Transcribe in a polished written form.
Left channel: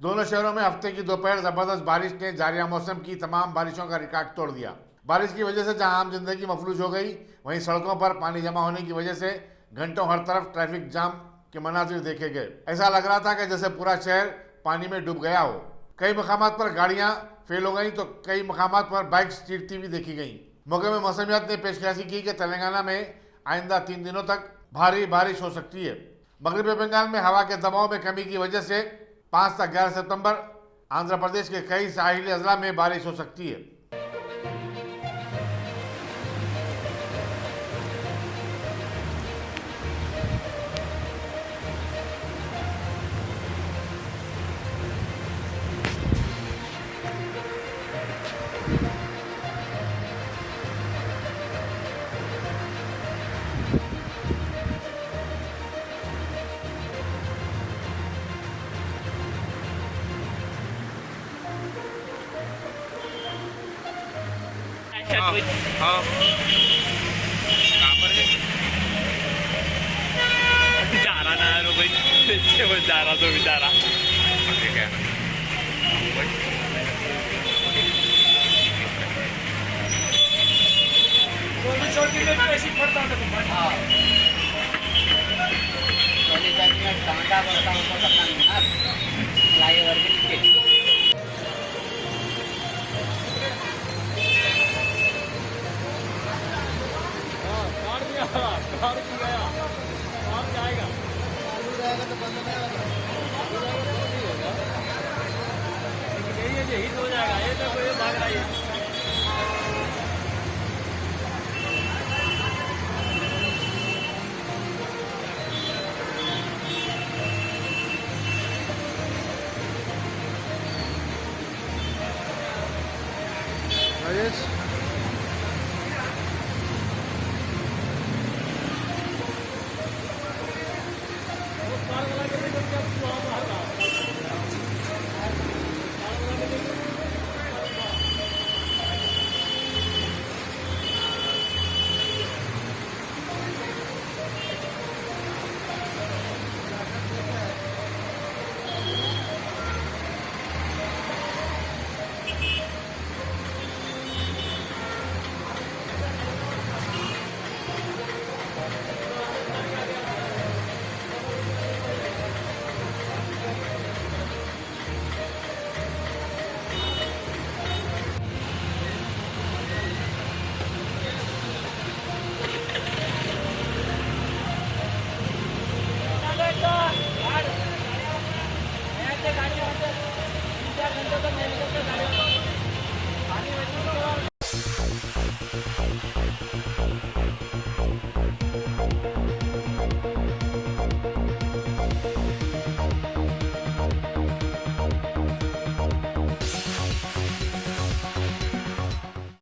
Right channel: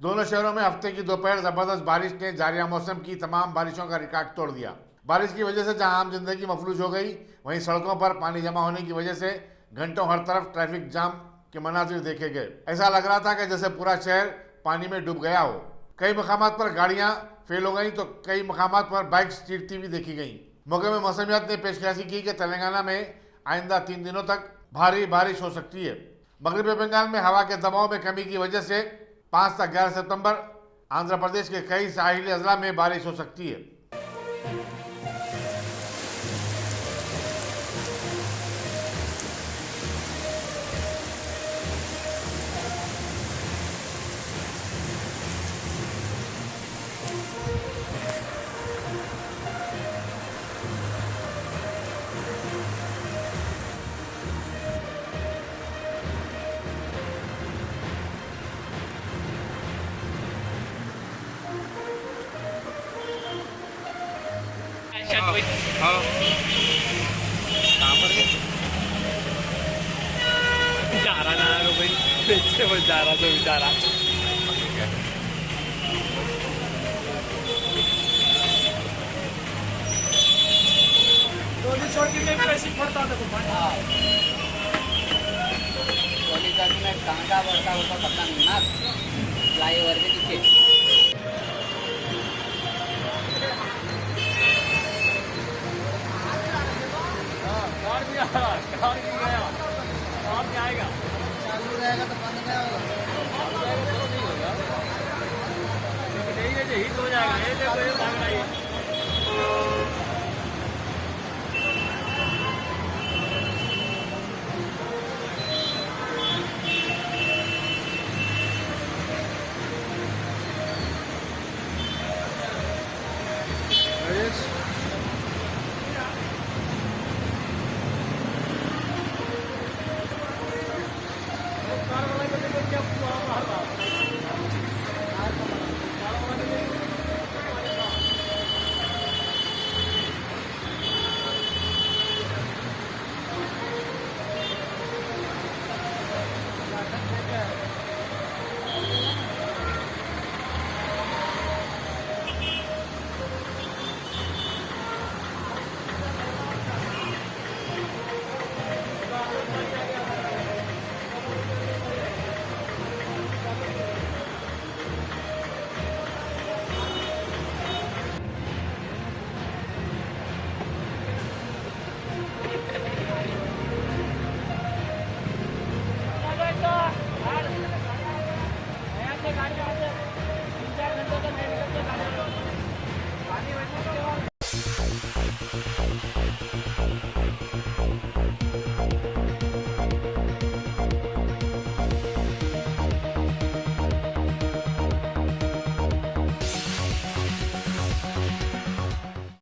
दोनों शहरों में हफ्ते की दोपहर जबरदस्त बारिश ने जारिया मौसम की तमाम बारिशों का रिकॉर्ड तोड़ दिया। बारिश की वजह से जहां आम जिंदगी मफलूज हो गई, वहीं सड़कों पर पानी जमा होने की वजह से घंटों हर तरफ ट्रैफिक जाम के मनाजिर देखे गए। ऐसा लग रहा था कि जैसे पूरा शहर पानी में डूब गया हो। कई मकामात पर गाड़ियां फेल हो गई तो कई मकामात पर बाइक्स चीरती हुई देखी गई। मौके में मौसमियात ने पेशकशी की कि तेलंगाना में आइंदा 3 दिनों तक भारी बारिश हो सकती है। मगरबी बंगाल में हवा के दबाव में कमी की वजह से 5 से 11 सितंबर आंध्र प्रदेश के कई साहिली अजला में बारिश हो सकती है। हाँ कहाँ पर है? जा रहा ना भाई, देखिए वो जा रहा तो बेचारा। ठीक है चौकी में ऐसी पड़ता था तो में टांगा बढ़ता होता पता नहीं ना, फ्लाईओवर के नीचे। जाएगा तो बंद हिट हो जाएगा, ये देखो ये भाग रहा है।